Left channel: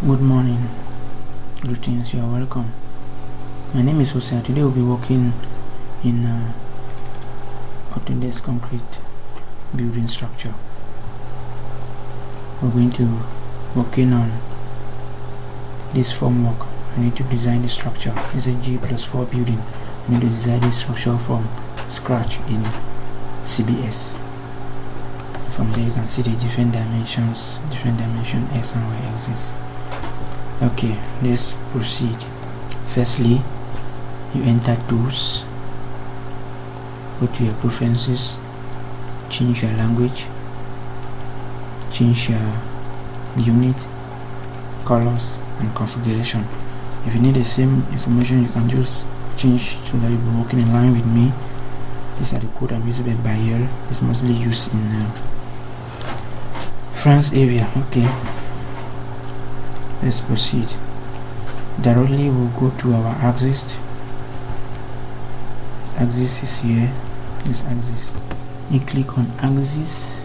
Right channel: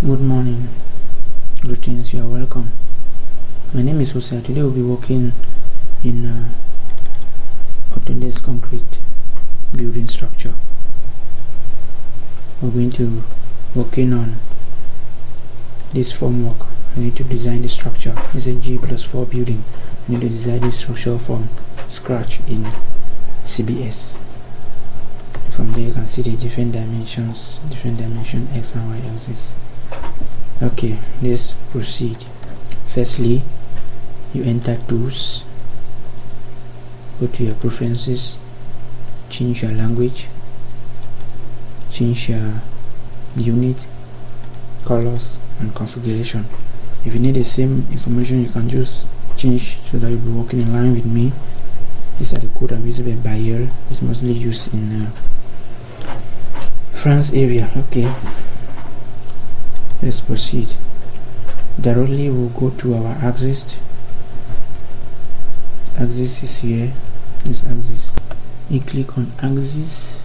Good morning, greetings, you are welcome. My name is Hosea. Today we'll be working in Autodesk concrete building structure. We're going to working on this formwork. I need to design the structure. It's a G+4 building. I need to design this structure from scratch in CBS. From there you can see the different dimension X and Y axis. Okay, let's proceed. Firstly, you enter tools, go to your preferences, change your language, change your unit, colors and configuration. If you need the same information, you can just change so that you'll be working in line with me. These are the code I'm using by Bayer. It's mostly used in France area. Okay, let's proceed. Directly we'll go to our axis. Axis is here. This axis. You click on axis.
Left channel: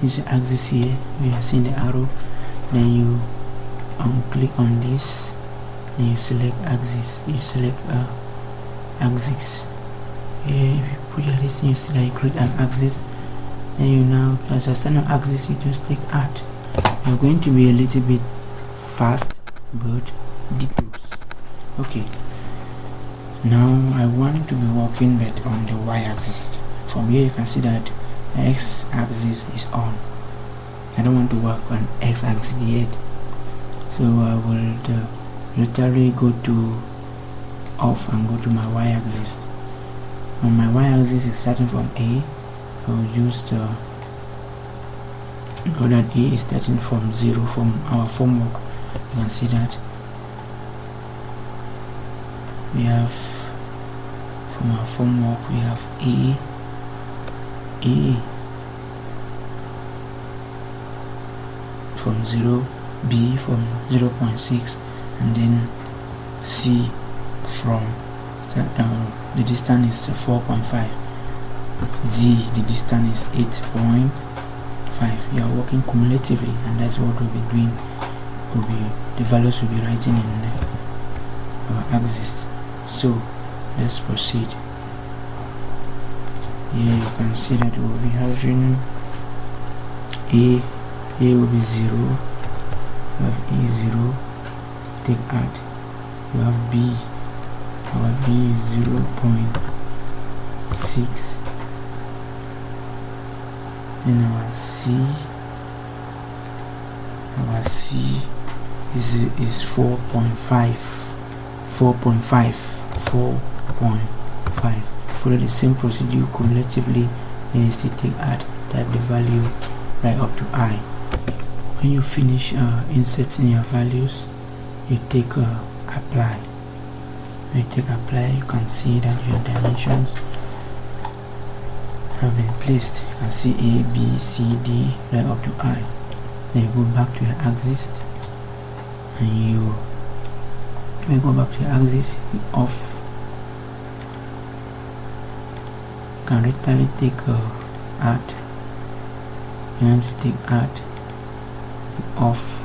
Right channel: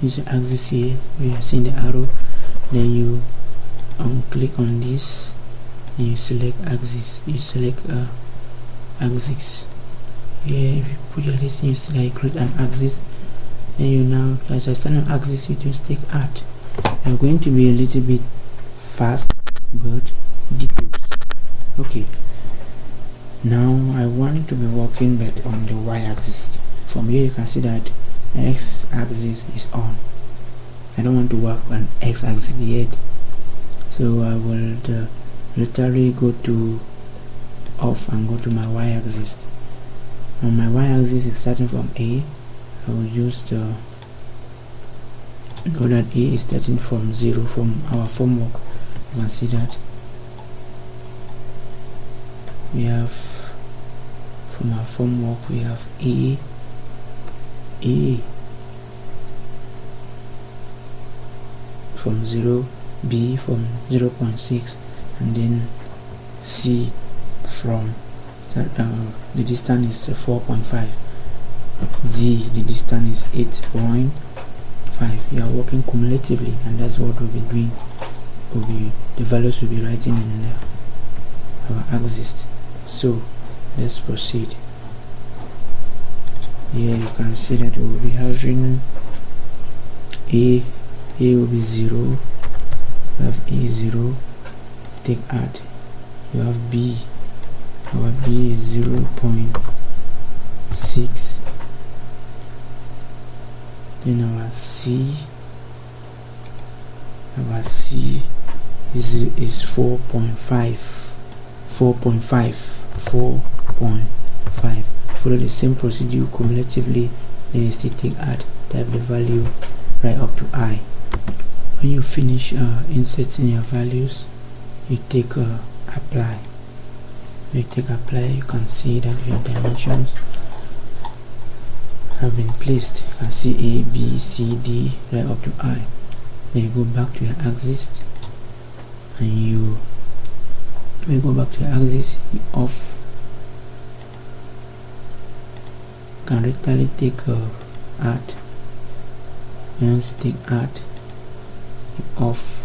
This is axis here. We are seeing the arrow. Then you click on this. Then you select axis. You select axis. Here, if you put your list, you see that you create an axis. Then you now, as you stand on axis, you just take art. You're going to be a little bit fast, but details. Okay, now I want to be working but on the y-axis. From here you can see that x-axis is on. I don't want to work on x-axis yet, so I will literally go to off and go to my y-axis. On my y-axis is starting from A. I will use the know that A is starting from 0 from our formwork. You can see that we have from our formwork we have A from 0, B from 0.6, and then C from the distance is 4.5, Z the distance is 8.5. You are working cumulatively, and that's what we'll be doing. The values will be writing in our axis. So let's proceed. Here you can see that we'll be having A will be 0. You have A0, take art. You have B. Our B is 0.6. Then our C is 4.5. Follow the same procedure cumulatively. Then you still take art, type the value right up to I. When you finish inserting your values, you take apply. When you take apply, you can see that your dimensions have been placed. You can see A, B, C, D right up to I. Then you go back to your axis, and you go back to your axis, off. You can literally take art. Once you take art, off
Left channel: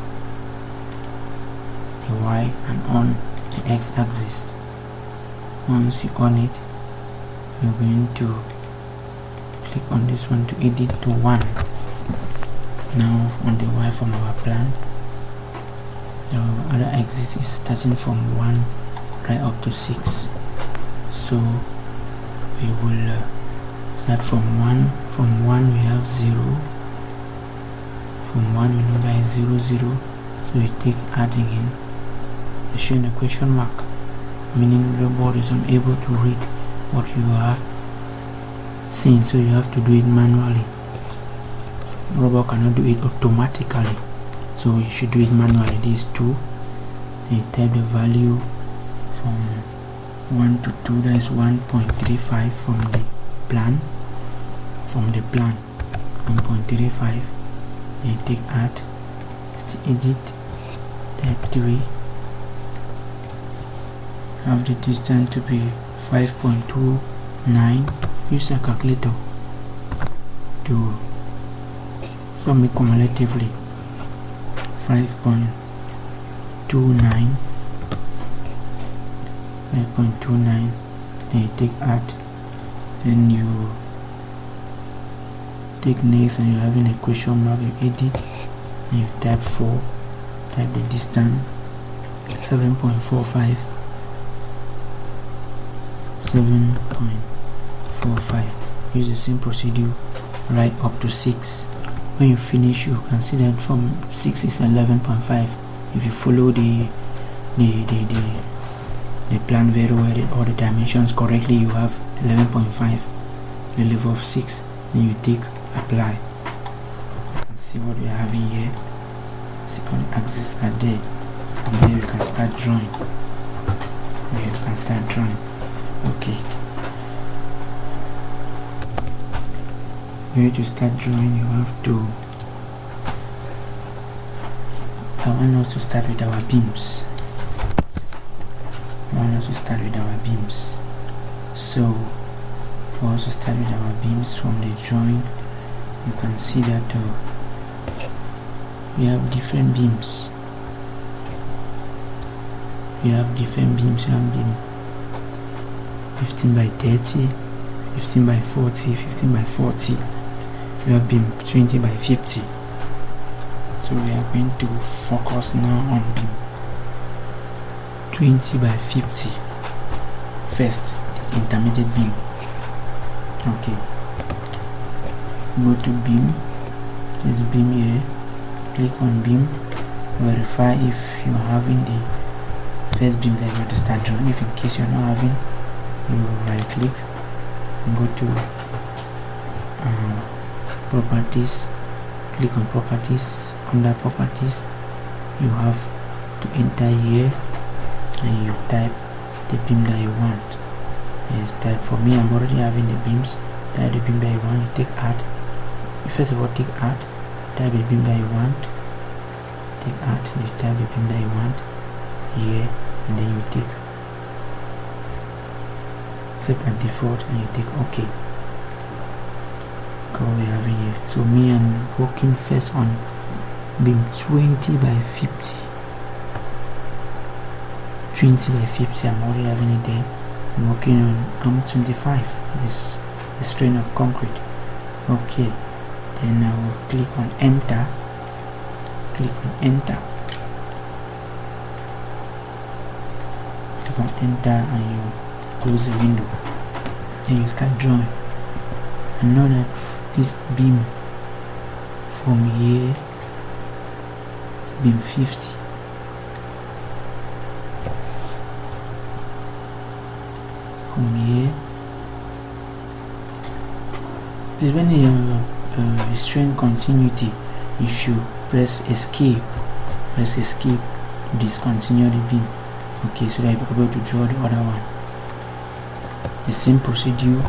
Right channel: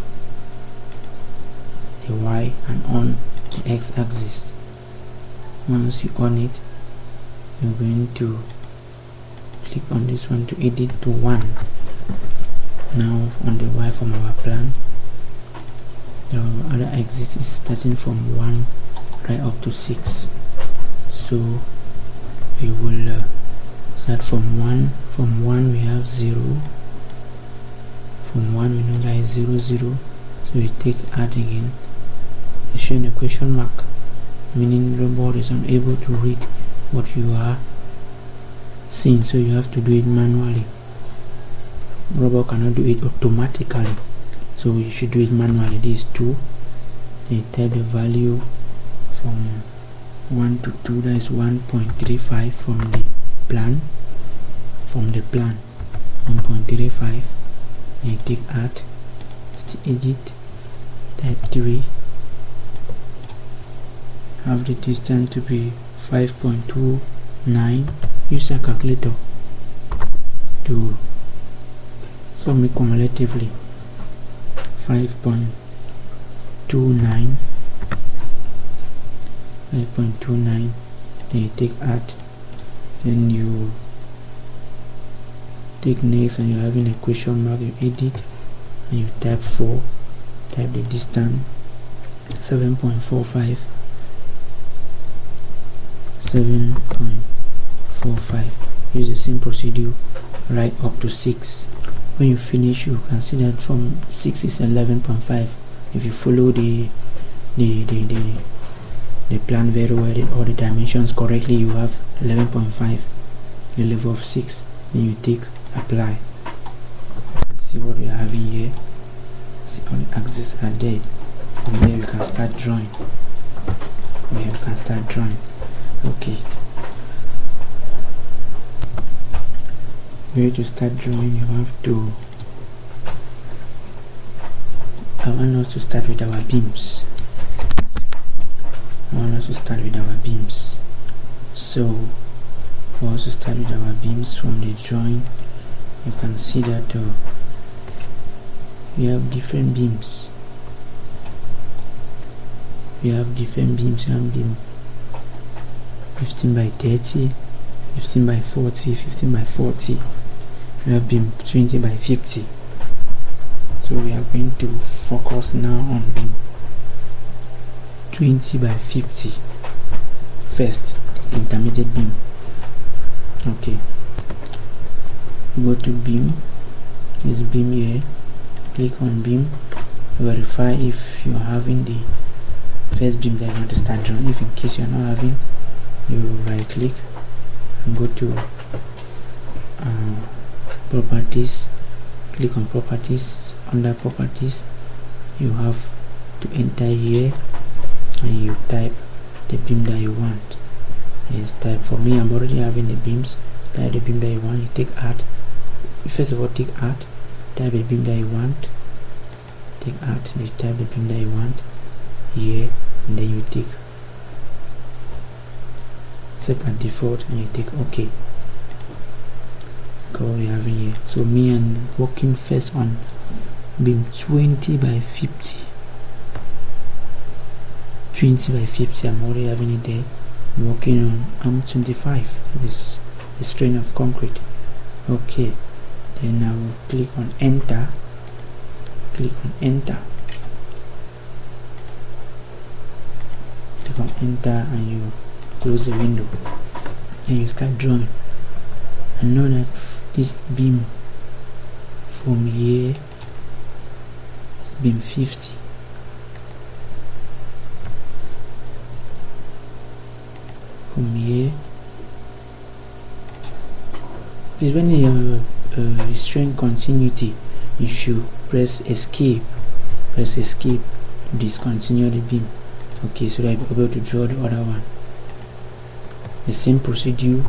the Y and on the X axis. Once you on it, you're going to click on this one to edit to 1. Now on the Y from our plan, the other axis is starting from 1 right up to 6. So we will start from 1. From 1 we have 0. From 1 we know that is 0, 0. So we take add again. It's showing a question mark, meaning the board is unable to read what you are seeing, so you have to do it manually. Robot cannot do it automatically, so you should do it manually. This is 2. Then you type the value from 1 to 2, that is 1.35 from the plan. 1.35. Then you take art, edit, type 3. Have the distance to be 5.29. Use a calculator to sum it cumulatively. 5.29 5.29, then you take add, then you take next, and you're having a question mark, you edit, and you type 4, type the distance 7.45, 7.45. Use the same procedure right up to 6. When you finish, you can see that from 6 is 11.5. If you follow the plan very well, all the dimensions correctly, you have 11.5, the level of 6. Then you take apply. You can see what we are having here. See all the axes are there. From there you can start drawing. Okay. When you start drawing, you have to. I want us to start with our beams. So we also start with our beams from the drawing. You can see that we have different beams. You have beam 15 by 30, 15 by 40, 15 by 40. You have beam 20 by 50. So we are going to focus now on beam 20 by 50. First, intermediate beam. Okay. Go to beam. This beam here. Click on beam. Verify if you are having the first beam that you want to start drawing. If in case you are not having, you right click and go to properties. Click on properties. Under properties, you have to enter here and you type the beam that you want. Yes, type. For me, I'm already having the beams. Type the beam that you want. You take add. First of all, take add. Type the beam that you want. Take add. You type the beam that you want here, and then you take set and default, and you take OK. Go we have here. So me, I'm working first on beam 20 by 50. 20 by 50. I'm already having it there. I'm working on arm 25. This is strain of concrete. Okay. Then I will click on enter. Click on enter. Click on enter and you close the window. Then you start drawing. And know that this beam from here is beam 50. From here, please, when you are restrain continuity, you should press escape. Press escape to discontinue the beam. Okay, so that you'll be able to draw the other one. The same procedure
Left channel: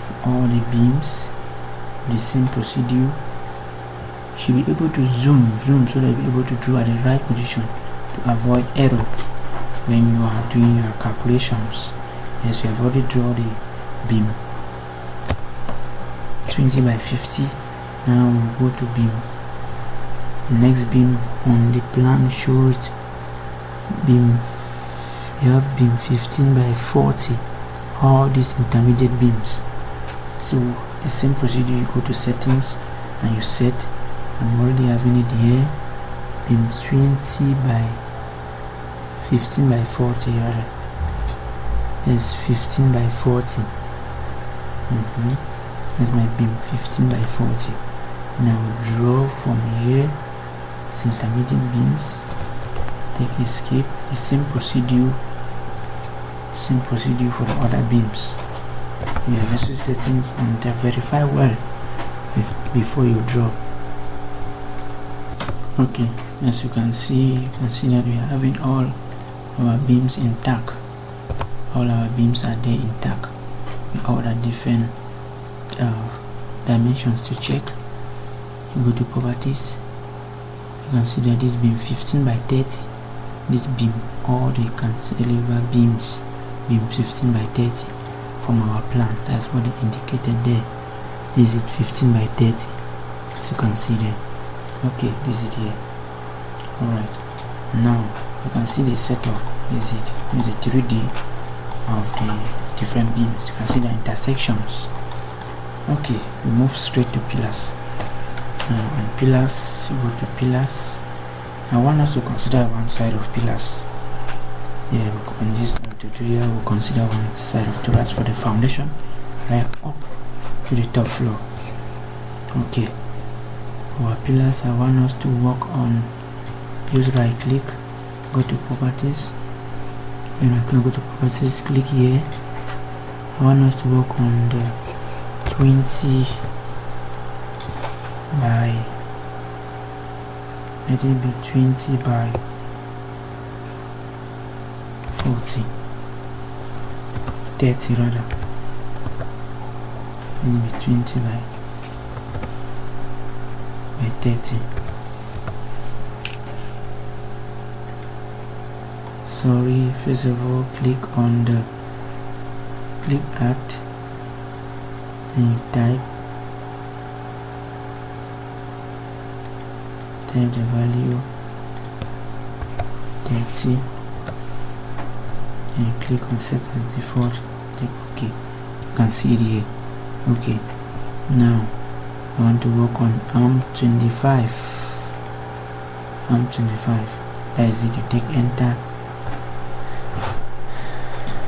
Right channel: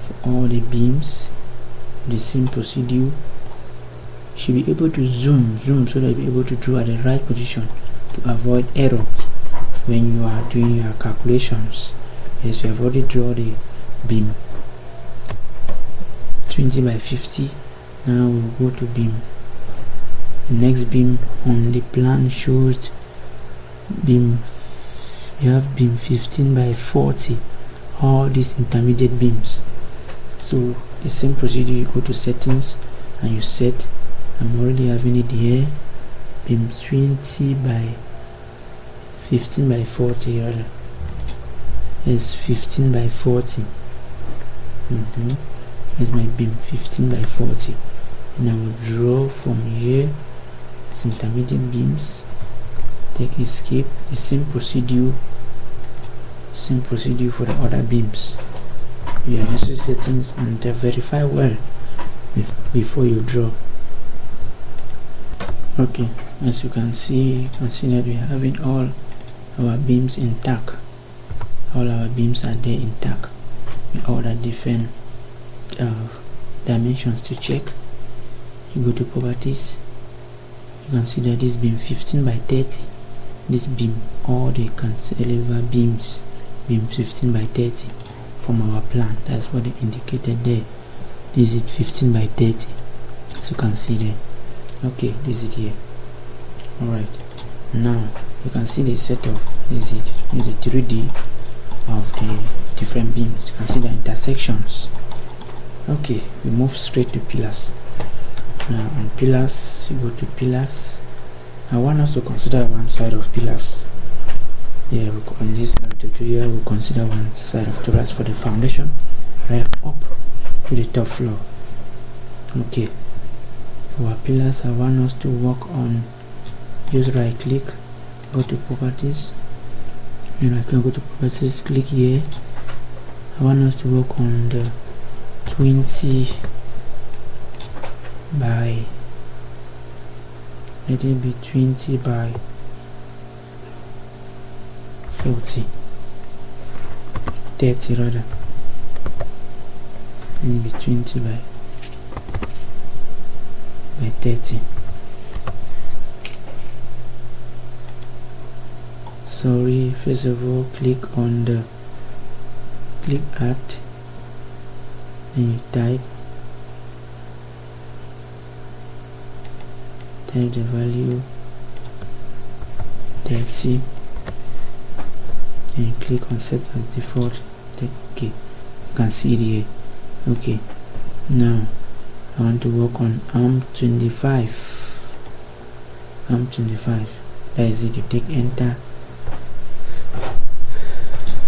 for all the beams. The same procedure. You should be able to zoom so that you'll be able to draw at the right position to avoid error when you are doing your calculations. Yes, we have already drawn the beam 20 by 50. Now we'll go to beam. The next beam on the plan shows beam. You have beam 15 by 40. All these intermediate beams. So the same procedure, you go to settings and you set. I'm already having it here. Beam 20 by 15 by 40 rather. Yes, 15 by 40. Here's my beam 15 by 40. And I will draw from here these intermediate beams. Take escape. The same procedure for the other beams. Your necessary settings and verify well before you draw. Okay, as you can see that we are having all our beams intact. All our beams are there intact with all the different dimensions to check. You go to properties. You can see that this beam 15 by 30. This beam, all the cantilever beams, beam 15 by 30 from our plan. That's what they indicated there. This is 15 by 30, as you can see there. Okay, this is here. Alright, now you can see the setup. This is the 3D of the different beams. You can see the intersections. Okay, we move straight to pillars. On pillars, you go to pillars. I want us to consider one side of pillars. Yeah, on this tutorial we'll consider one side of pillars for the foundation, right up to the top floor. Okay, for our pillars, I want us to work on, use right click, go to properties. When I can go to properties, click here. I want us to work on the 20 by, let it be 20 by 40, 30 rather. Let it be 20 by 30. Sorry, first of all, click on the click at, and you type the value 30, and you click on set as default. Take OK. You can see it here. Okay, now I want to work on arm 25. Arm 25. That is it. You take enter.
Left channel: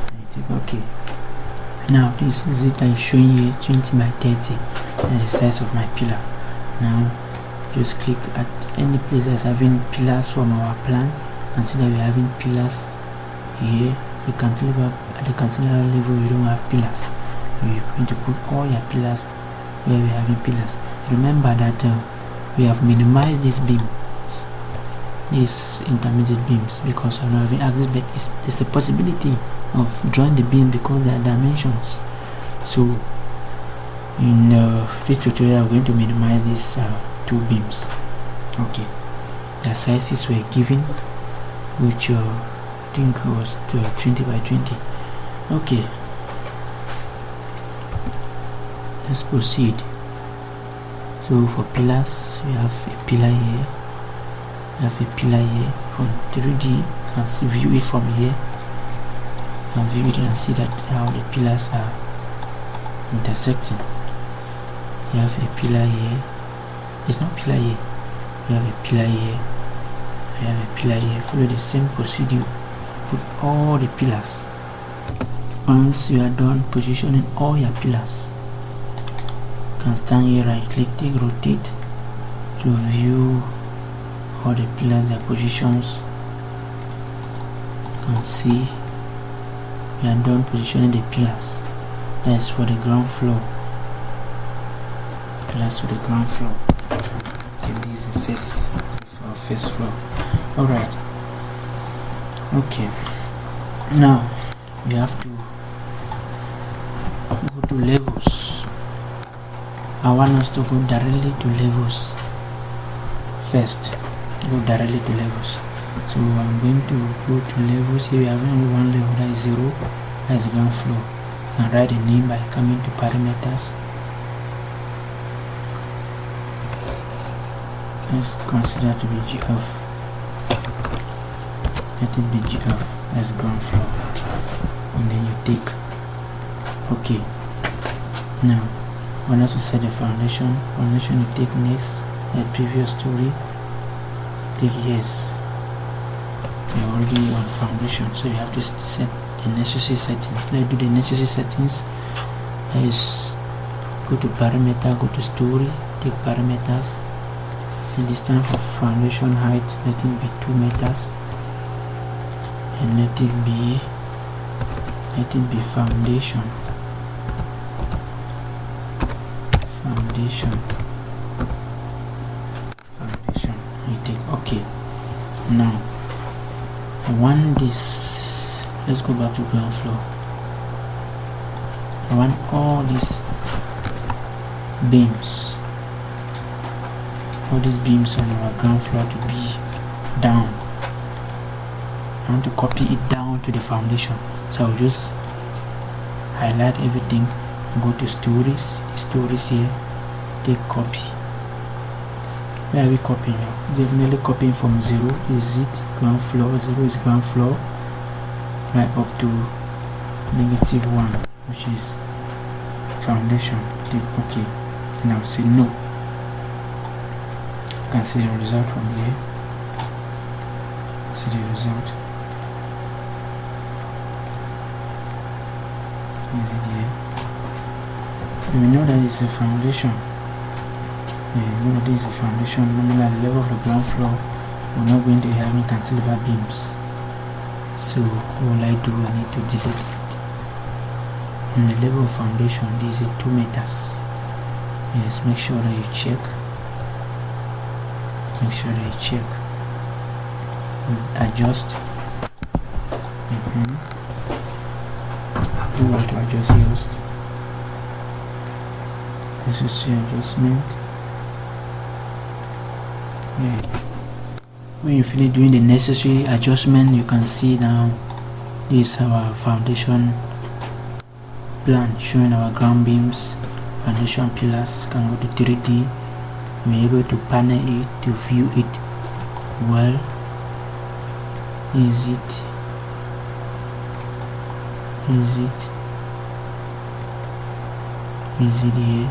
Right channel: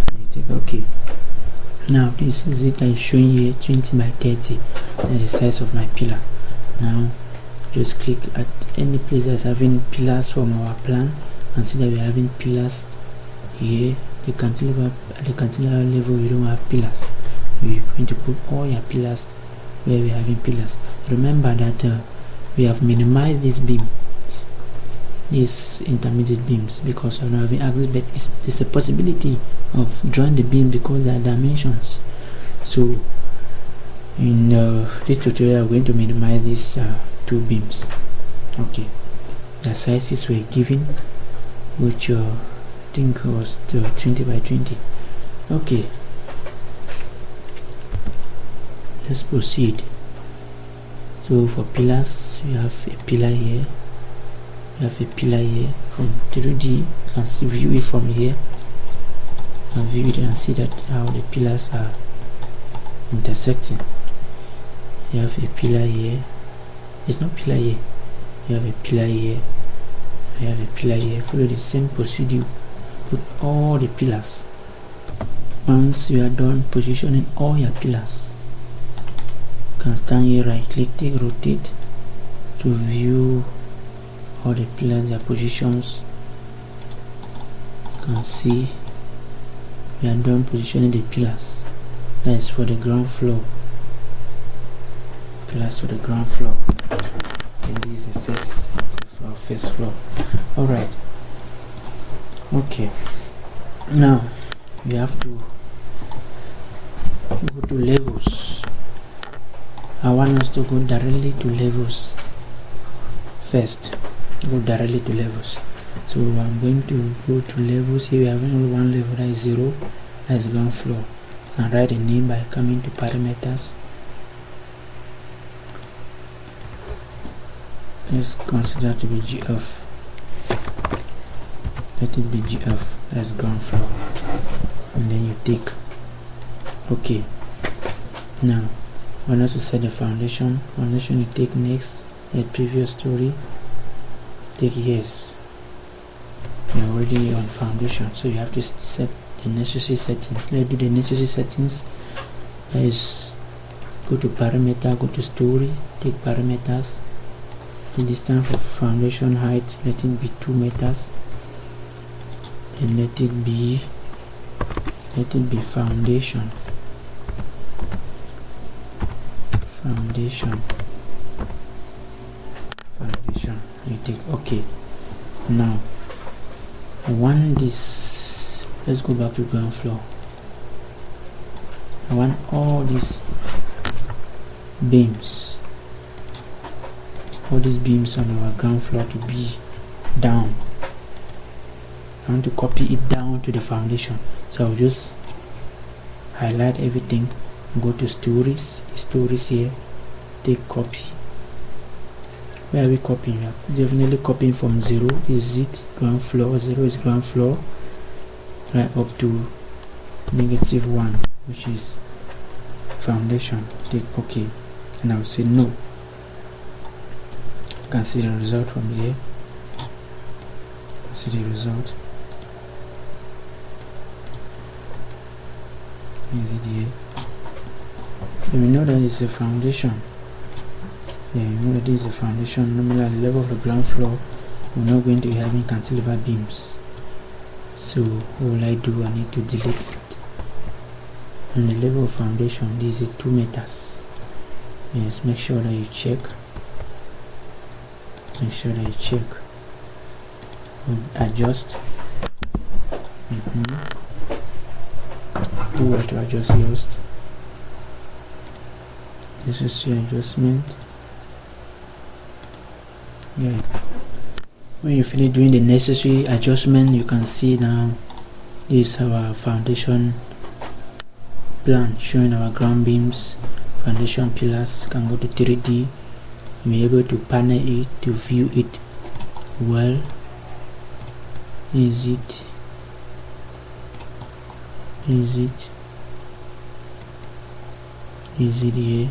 And you take OK. Now this is it. I showing you 20 by 30. That's the size of my pillar. Now just click at any place that's having pillars from our plan. Consider we're having pillars here. The cantilever, at the cantilever level we don't have pillars. We're going to put all your pillars where we're having pillars. Remember that we have minimized these beams, these intermediate beams, because we're not having access, but there's a possibility of drawing the beam because there are dimensions. So in this tutorial we're going to minimize these two beams. Okay, the sizes were given, which I think was 20 by 20. Okay, let's proceed. So for pillars, we have a pillar here, we have a pillar here. From 3D, you can view it from here, you can view it and see that how the pillars are intersecting. You have a pillar here, it's not pillar here, you have a pillar here, you have a pillar here. Follow the same procedure, put all the pillars. Once you are done positioning all your pillars, you can stand here, right click, take rotate to view all the pillars, their positions. You can see we are done positioning the pillars. That's for the ground floor. Pillars for the ground floor. And this is the first floor. Alright. Okay. Now we have to go to levels. I want us to go directly to levels first. Go directly to levels. So I'm going to go to levels. Here we have only one level, that is 0, that is ground floor. And write the name by coming to parameters. Let's consider to be GF. Let it be GF, that's ground floor. And then you take OK. Now I want us to set the foundation. Foundation you take next, the previous story, take yes. You're already on foundation, so you have to set the necessary settings. Let's do the necessary settings. That is, go to parameter, go to story, take parameters. The distance for foundation height, let it be 2 meters, and let it be foundation. You take OK. Now I want this, let's go back to ground floor. I want all these beams, on our ground floor to be down. I want to copy it down to the foundation, so I'll just highlight everything and go to stories, the stories here, take copy, Where are we copying? Definitely copying from 0 is it ground floor, 0 is ground floor, right up to -1, which is foundation. Click OK, and I will say no. You can see the result from here. See the result. Here. And we know that it's a foundation. You know that this is a foundation. Normally at the level of the ground floor, we're not going to be having cantilever beams. So what will I do? I need to delete it. On the level of foundation, this is 2 meters. Yes, make sure that you check. Make sure that you check. Adjust. Do what I just used. This is the adjustment. Yeah. When you finish doing the necessary adjustment, you can see now this is our foundation plan showing our ground beams, foundation pillars. You can go to 3D and be able to panel it to view it well. Is it here?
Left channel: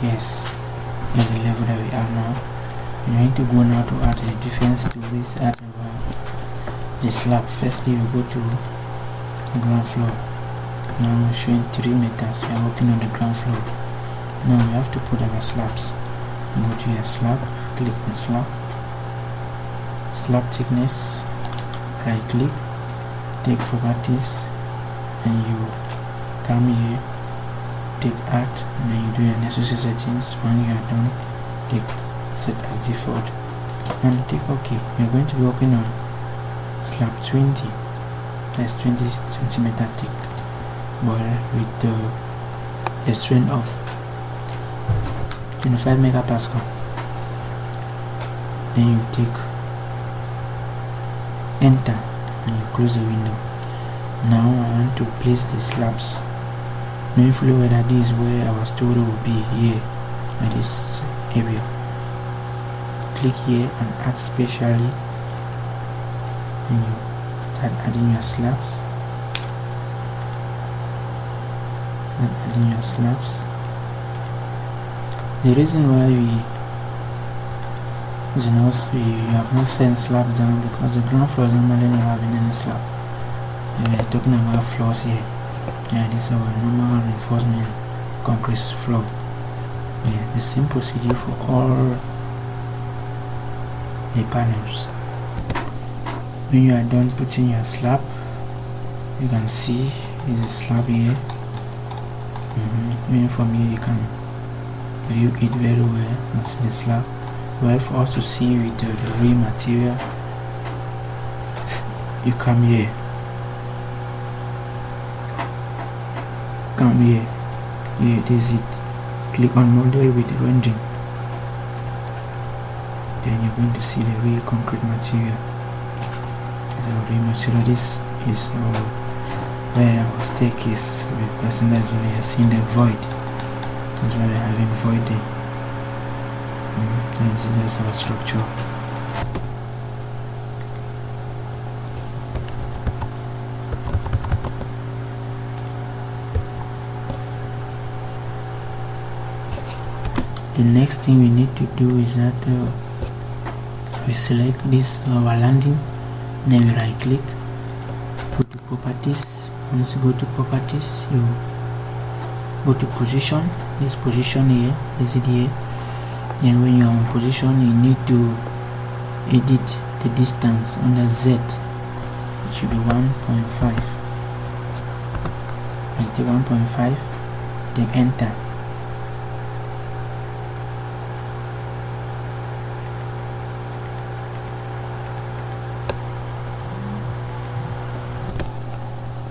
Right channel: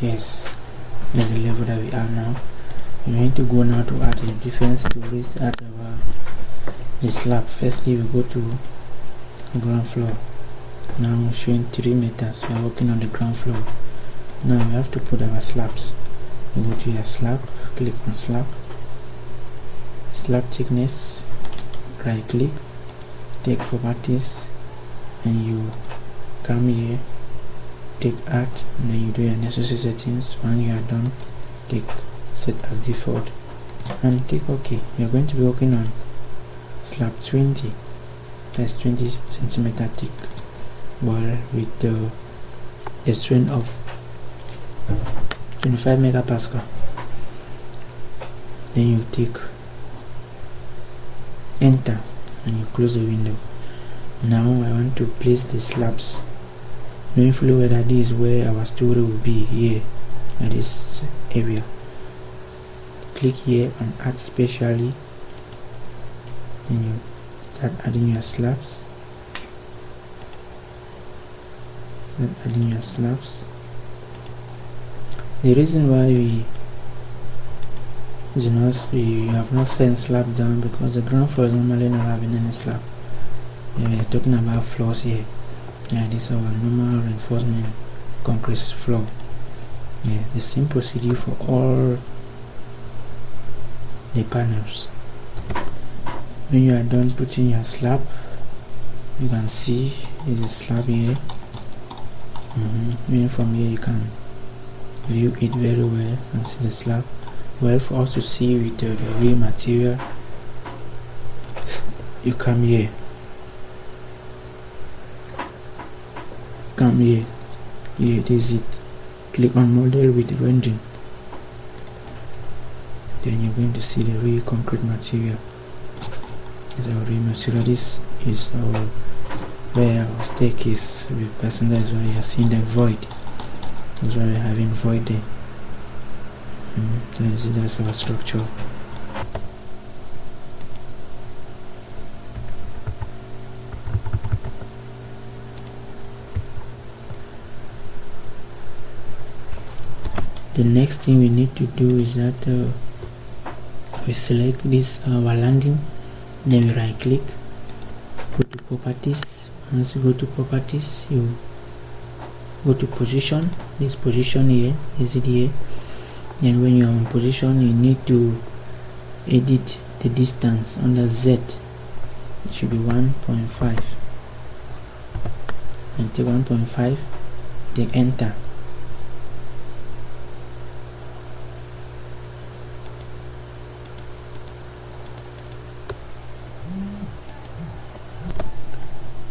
Yes, that's the level that we are now. We need to go now to add the defense to this, add the slab. Firstly, we go to ground floor. Now we're showing 3 meters. We are working on the ground floor. Now we have to put our slabs. You go to your slab, click on slab, slab thickness, right click, take properties, and you come here, take add, and then you do your necessary settings. When you are done, take set as default and take OK. We are going to be working on slab 20, that's 20 centimeter thick, wall with the strength of 25 megapascal. Then you take enter and you close the window. Now I want to place the slabs, knowing fully well that this is where our story will be, here at this area. Click here on add specially, and you start adding your slabs. The reason why we have not sent slab down because the ground floor is normally not having any slab. We are talking about floors here. Yeah, this is our normal reinforcement concrete floor. Yeah, the same procedure for all the panels. When you are done putting your slab, you can see is a slab here. Even from here you can view it very well and see the slab. Well, for us to see with the real material, you come here. Here it is. Click on model with rendering. Then you're going to see the real concrete material. This is our real material. This is where our staircase will be passing. That's why you're seeing the void. That's why we're having void there. That's our structure. The next thing we need to do is that we select this our landing, then we right click, go to properties. Once you go to properties, you go to position. This position here is it here. And when you're on position, you need to edit the distance under Z. It should be 1.5. And take 1.5, take enter.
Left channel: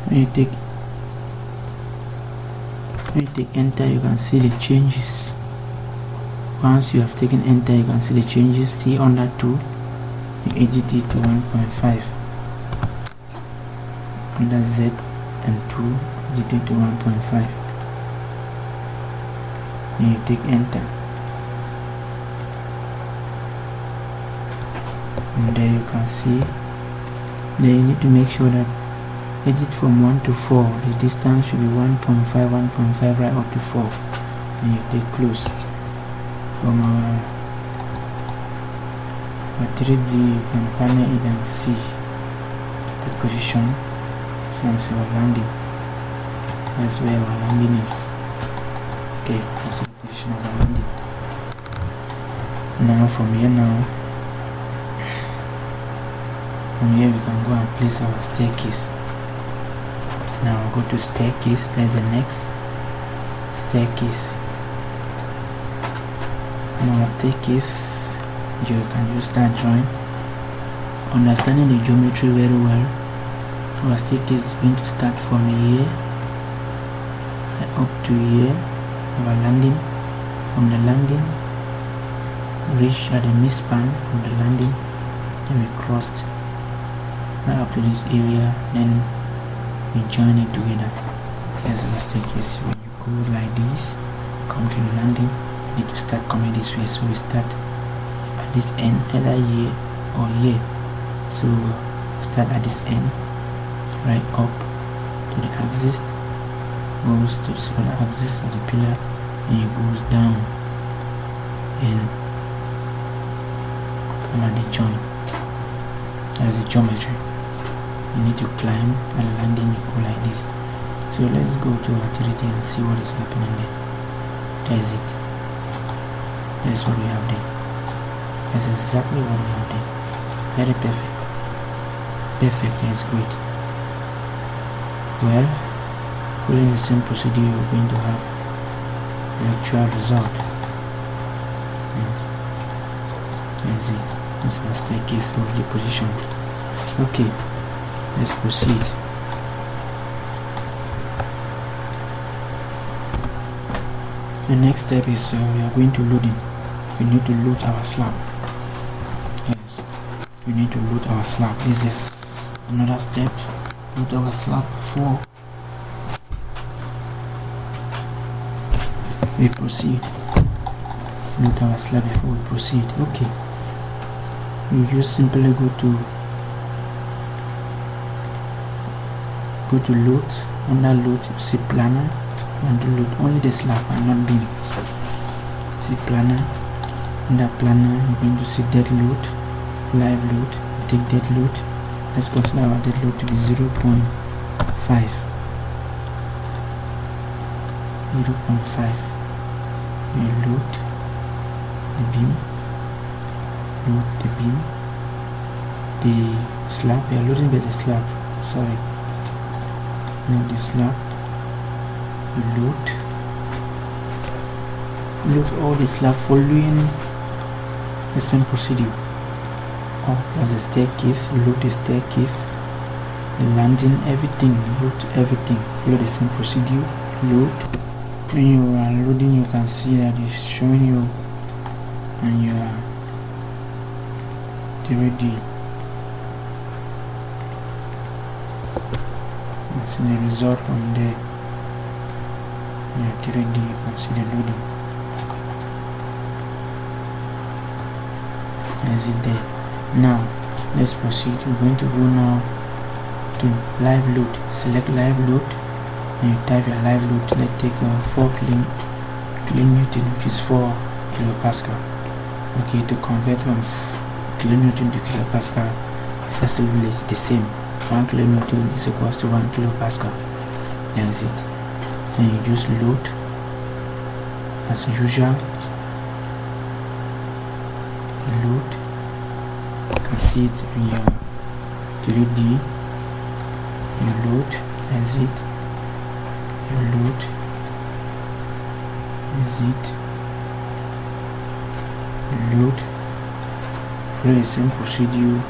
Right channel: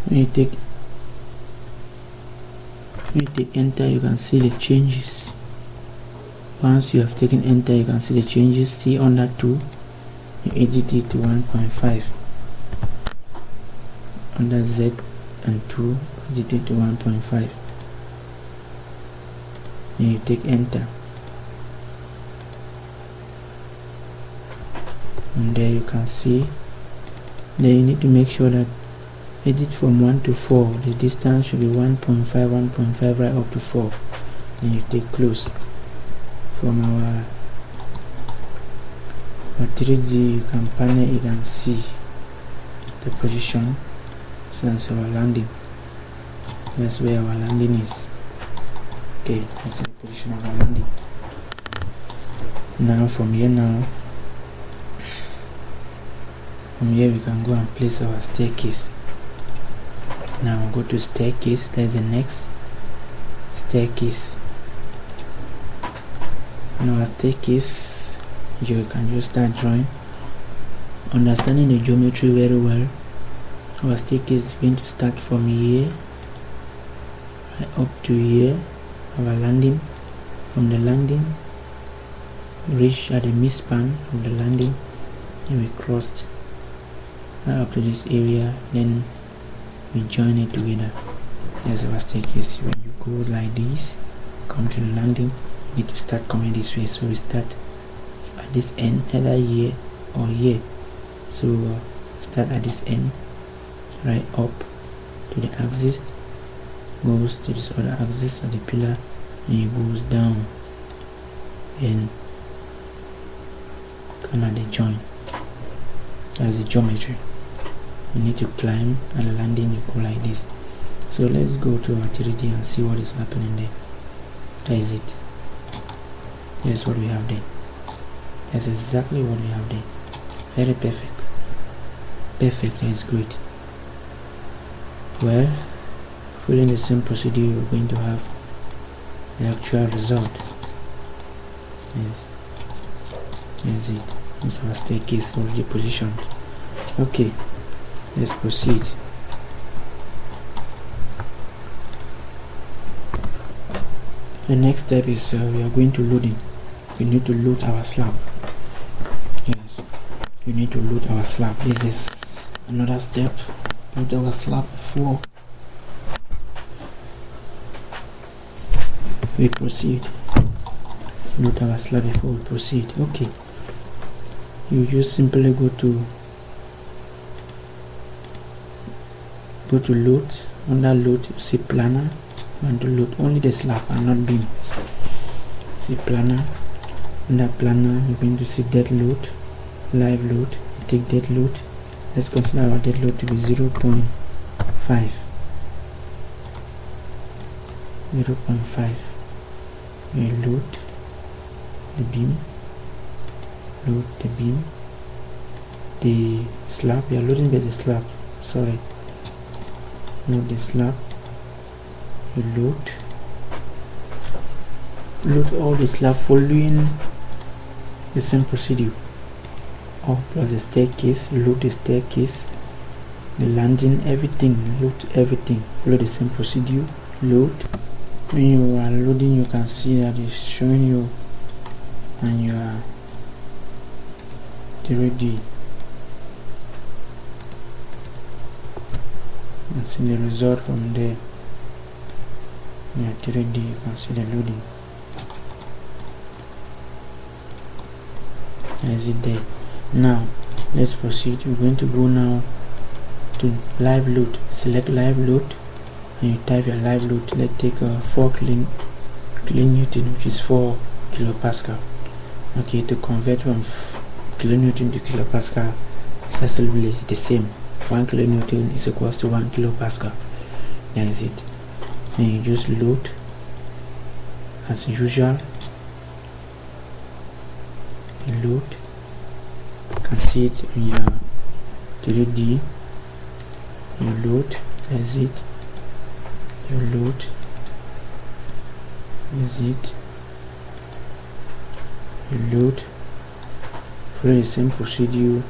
When you take enter, you can see the changes. Once you have taken enter, you can see the changes. See under 2, you edit it to 1.5. Under Z and 2, edit it to 1.5. Then you take enter. and there you can see. Then you need to make sure that edit from 1 to 4, the distance should be 1.5 right up to 4, and you take close. From our 3D you can panel it and see the position. So that's our landing. That's where our landing is. Okay, that's the position of our landing. Now from here we can go and place our staircase. Now we'll go to staircase. There's the next staircase. On our staircase, you can just start drawing. Understanding the geometry very well, our staircase is going to start from here up to here. Our landing, from the landing, reach at the midspan from the landing, then we crossed right up to this area, then we join it together. There's our staircase. When you go like this, come to the landing, you need to start coming this way. So we start at this end, either here or here. So start at this end, right up to the axis, goes to this other axis of the pillar, and it goes down and come at the joint. That's the geometry. You need to climb at the landing, you go like this. So let's go to our 3D and see what is happening there. That is it. That's what we have there. That's exactly what we have there. Very perfect. Perfect, that's great. Well, following the same procedure, you're going to have the actual result. Yes, that's it. That's our staircase already positioned. Okay, let's proceed. The next step is we are going to loading. We need to load our slab. Yes, we need to load our slab. This is another step. Load our slab before we proceed. Load our slab before we proceed. Okay, you just simply go to load. Under load, you see planner, and to load only the slab and not beams. See planner. Under planner, you're going to see dead load, live load. You take dead load. Let's consider our dead load to be 0.5. 0.5. You load the beam, load the beam, the slab. We are loading by the slab. Sorry. Load the slab. You load all the slab following the same procedure. All plus the staircase. You load the staircase, the landing, everything. You load everything. Follow the same procedure. Load. When you are loading, you can see that it's showing you and you are ready. You see the result from there. Yeah, 3D, you can see the loading. As it there. Now let's proceed. We're going to go now to live load. Select live load and you type your live load. Let's take a 4 kilonewton, which is 4 kilopascal. Okay, to convert from kilonewton to kilopascal, it's actually the same. 1 kilonewton is equals to 1 kilopascal. That's it. And you just load as usual. You load. You can see it in your 3D. You load. That's it. You load. That's it. You load. Follow the same procedure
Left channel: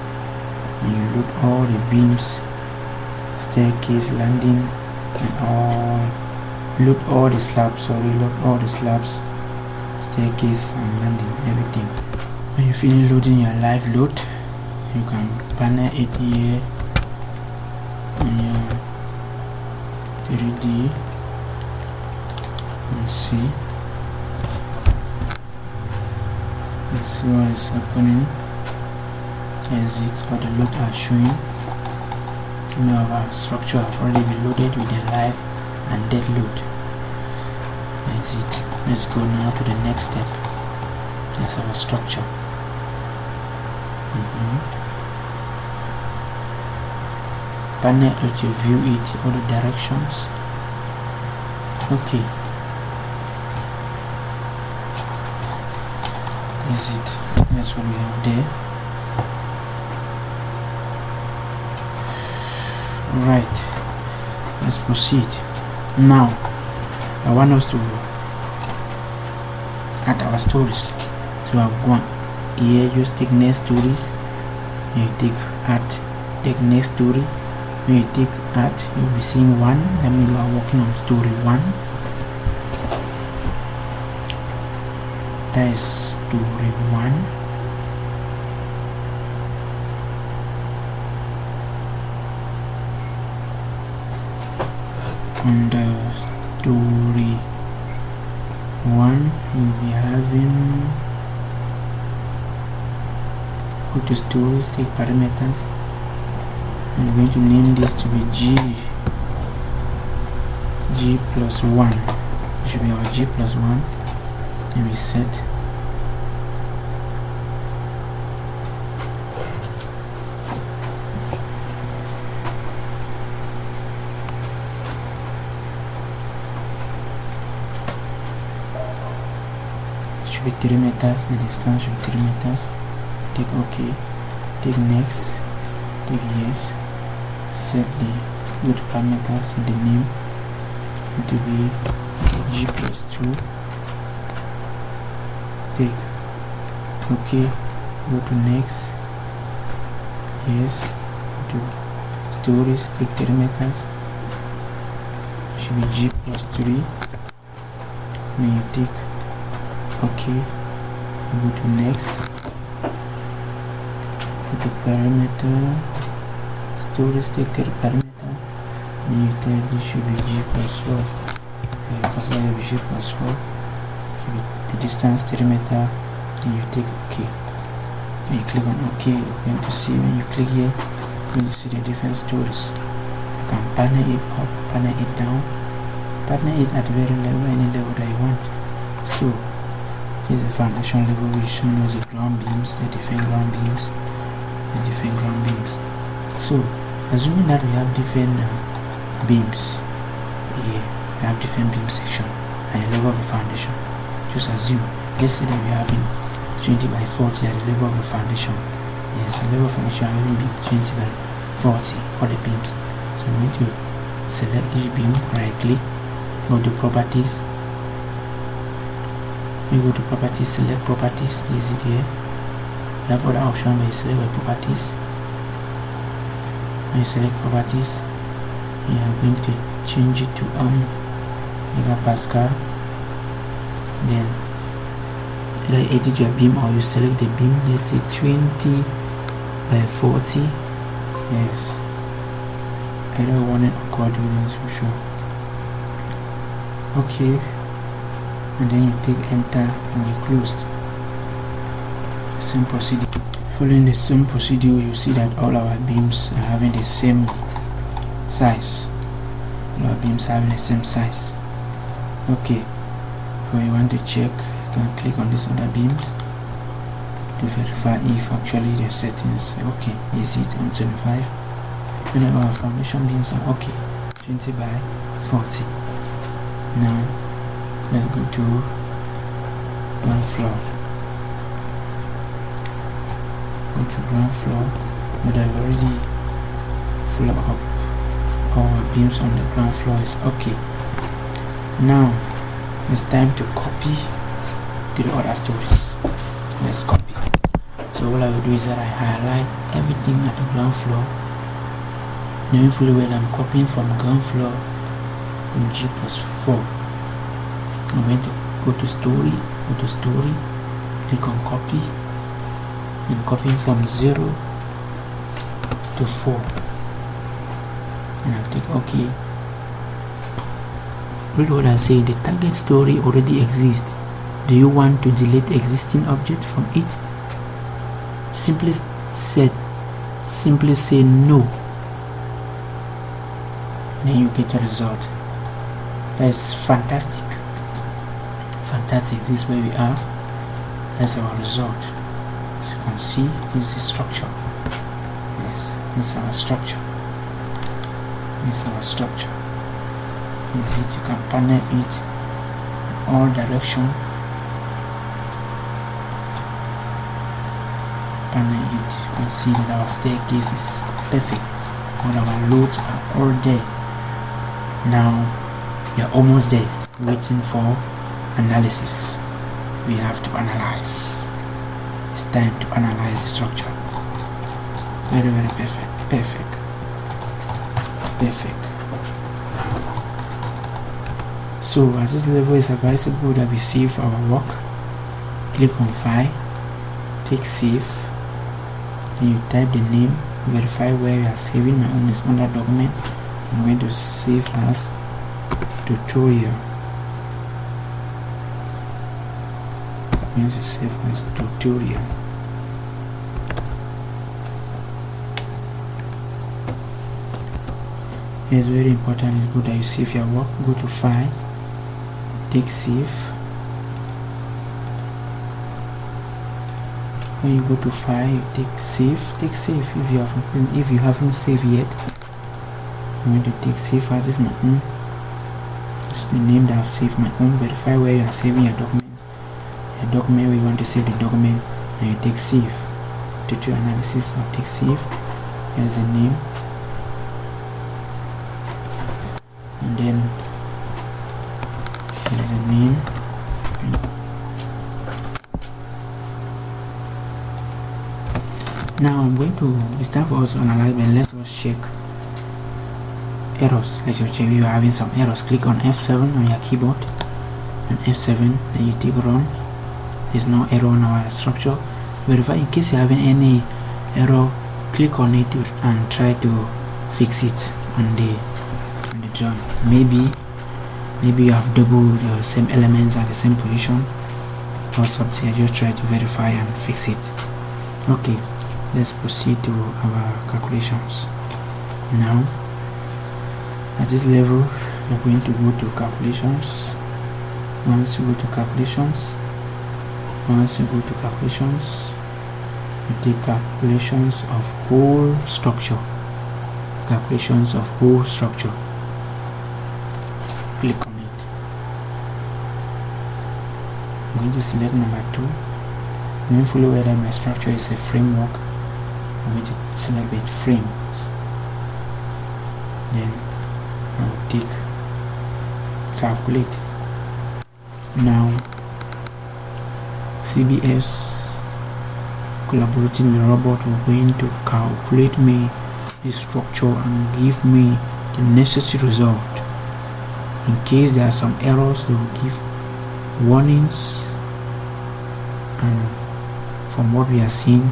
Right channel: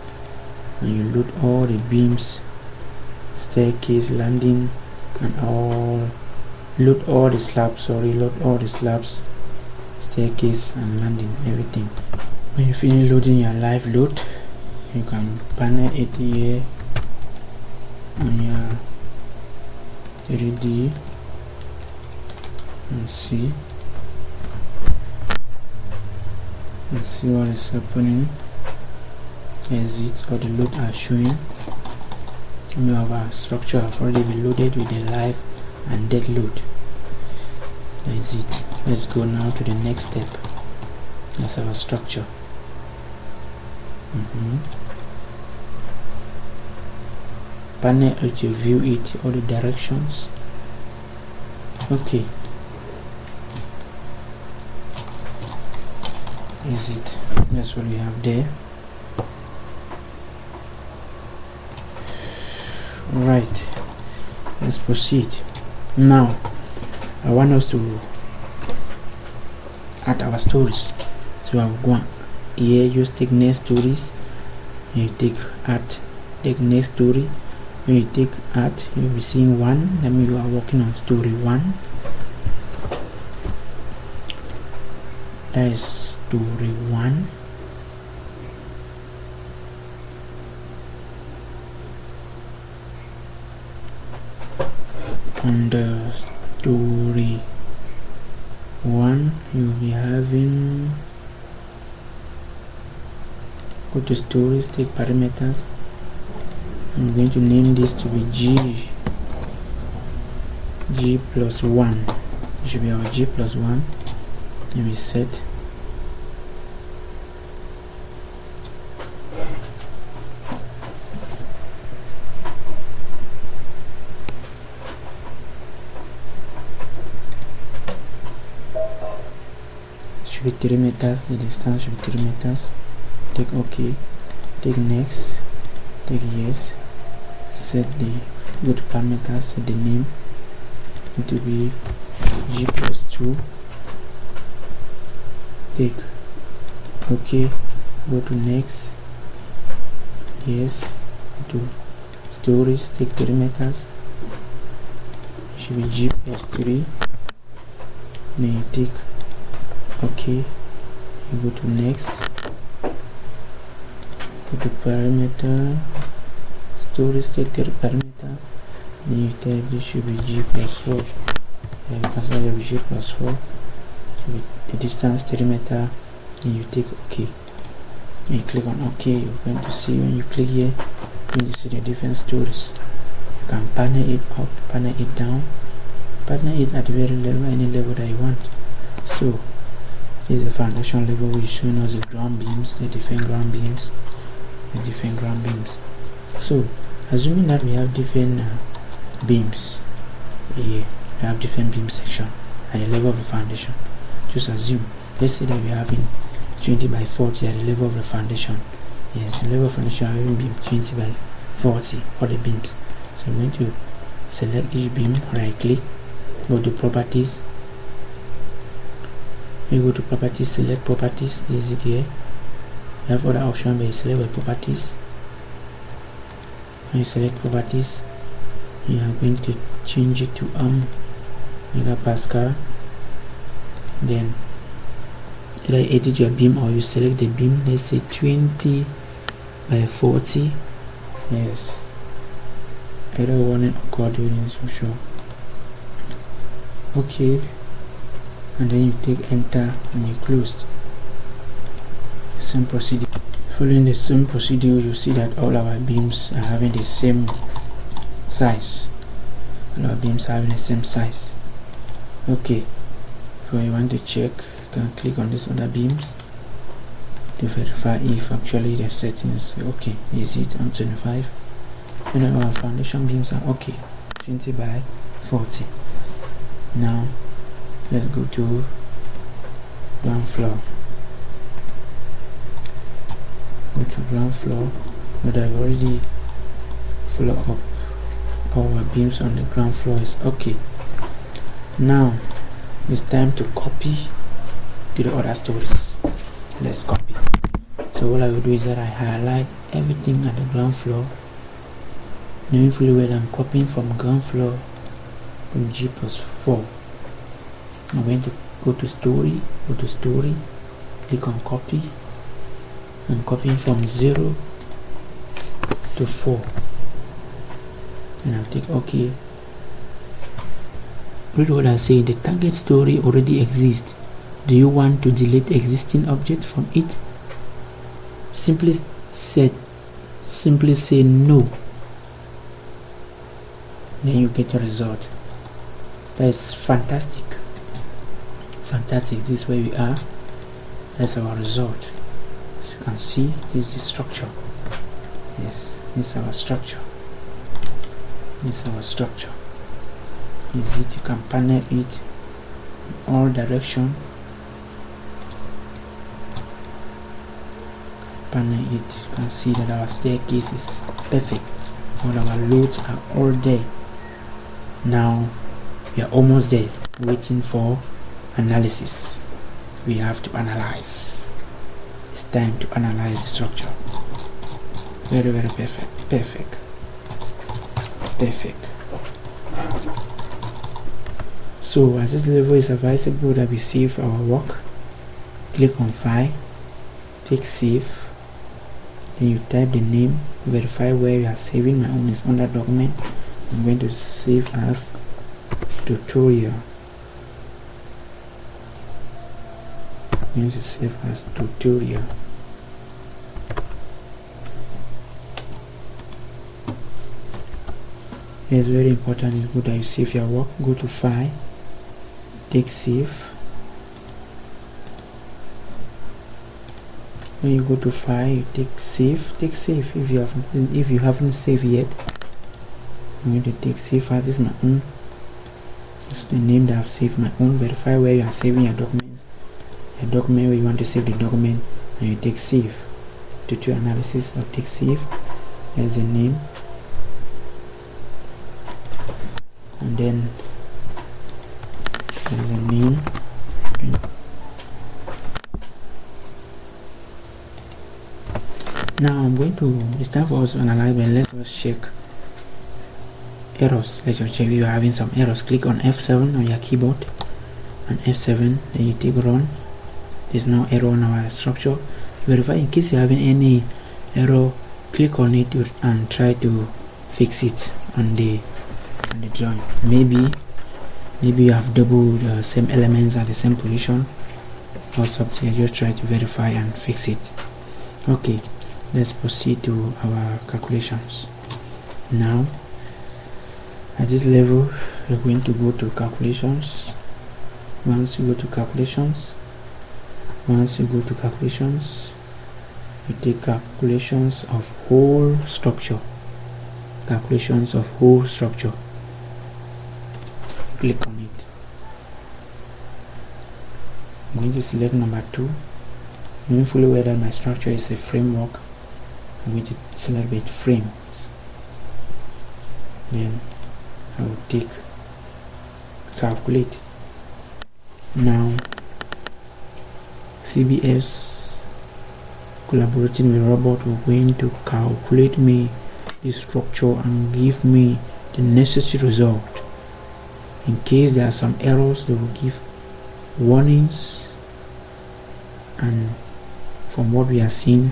and you load all the beams, staircase, landing, and all. Load all the slabs. Load all the slabs, staircase and landing, everything. When you finish loading your live load, you can panel it here on your 3D and see. Let's see what is happening. exit, or the load are showing. Many of our structure have already been loaded with the live and dead load. Exit. Let's go now to the next step. That's our structure. Panel to view it, all the directions. Okay. Exit. That's what we have there. Right, let's proceed. Now I want us to add our stories. So I've gone here, just take next stories, and you take next story. When you take add, you'll be seeing one. That means you are working on story 1. That is story 1. On the story 1, you'll be having, go to stories, take parameters. I'm going to name this to be G plus 1. It should be our G plus 1. And we set should be 3 meters, the distance should be 3 meters. Take OK, take next, take yes, set the go to parameters, set the name to be G plus 2, take OK, go to next, yes, go to stories, take 3 meters, it should be G plus 3, then you take OK, you go to next, go to parameter, stories, take the parameter, then you tell this should be G plus 4, because I have G plus 4, should be the distance 3 meter, then you take OK, and you click on OK. You're going to see, when you click here, you're going to see the different stories. You can panel it up, panel it down, panel it at very level, any level that you want. So here's the foundation level, which shows us the ground beams, the different ground beams, So assuming that we have different beams here, we have different beam section and the level of the foundation. Just assume, let's say that we are having 20 by 40 at the level of the foundation. Yes, the level of foundation having beam 20 by 40, all the beams. So I'm going to select each beam, right click, go to properties. You go to properties, select properties, this is it here. You have other option, but you select by properties. When you select properties, you are going to change it to megapascal. Then either edit your beam or you select the beam, let's say 20 by 40. Yes, either one or coordinates for sure. Okay, and then you take enter and you closed. Same procedure. Following the same procedure, you see that all our beams are having the same size. All our beams are having the same size. Okay, so you want to check, you can click on these other beams to verify if actually the settings okay. Is it on 25? You know, our foundation beams are okay, 20 by 40. Now let's go to ground floor. Go to ground floor, but I've already floor up all our beams on the ground floor is okay. Now it's time to copy to the other stories. Let's copy. So what I will do is that I highlight everything at the ground floor, knowing fully well I'm copying from ground floor from G plus 4. I'm going to go to story, click on copy. I'm copying from 0 to 4, and I'll take OK. Read what I say. The target story already exists. Do you want to delete existing object from it? Simply simply say no, then you get the result. That is fantastic. This is where we are. That's our result. As you can see, this is the structure. Yes, this is our structure. Is it? You can panel it in all direction. You can see that our staircase is perfect. All our loads are all there. Now we are almost there, waiting for analysis. We have to analyze. It's time to analyze the structure. Very perfect. So at this level, it's advisable that we save our work. Click on File, take Save, then you type the name, verify where you are saving. My own is under Document. I'm going to save as Tutorial. It's very important. It's good that you save your work. Go to File, take Save. When you go to File, you take Save. If you haven't saved yet, I'm going to take Save as this. My own. This is the name that I've saved my own. Verify where you are saving your documents. A document where you want to save the document, and you take Save. Tutorial analysis, I'll take Save. There's the name, and then there's the name. Now I'm going to, it's time for us to analyze, but let us check errors. Let's check if you are having some errors. Click on F7 on your keyboard, and F7, then you take Run. There's no error on our structure. Verify in case you're having any error. Click on it and try to fix it on the drawing. Maybe you have double the same elements at the same position or something. Just try to verify and fix it. Okay, let's proceed to our calculations. Now at this level, you're going to go to calculations. Once you go to calculations, you take calculations of whole structure. Click on it. I'm going to select number 2. Knowing fully well that my structure is a framework, I'm going to select the frames. Then I will take Calculate. Now CBS collaborating with robot will going to calculate me the structure and give me the necessary result. In case there are some errors, they will give warnings, and from what we are seeing,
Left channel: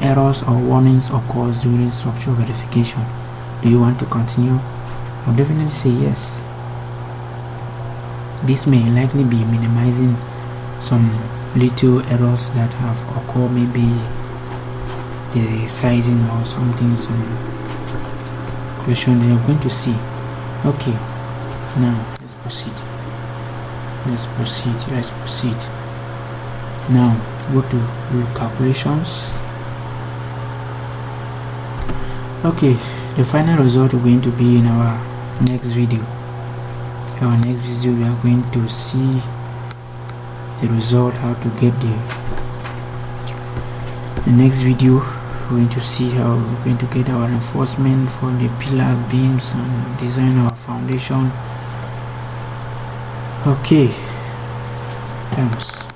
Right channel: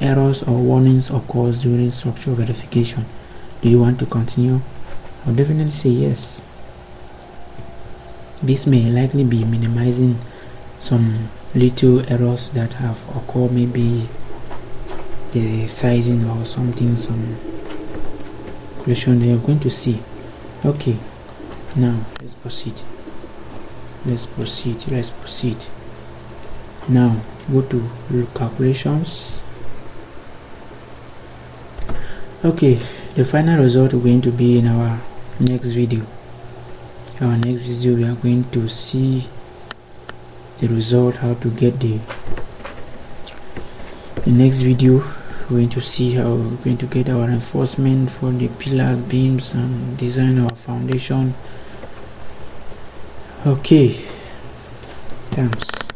errors or warnings occurs during structure verification. Do you want to continue? I'll definitely say yes. This may likely be minimizing some little errors that have occurred, maybe the sizing or something, some question they are going to see. Okay, now let's proceed. Now go to calculations. Okay, the final result is going to be in our next video. We are going to see the result, how to get the next video. We're going to see how we're going to get our reinforcement for the pillars, beams, and design our foundation. Okay, thanks.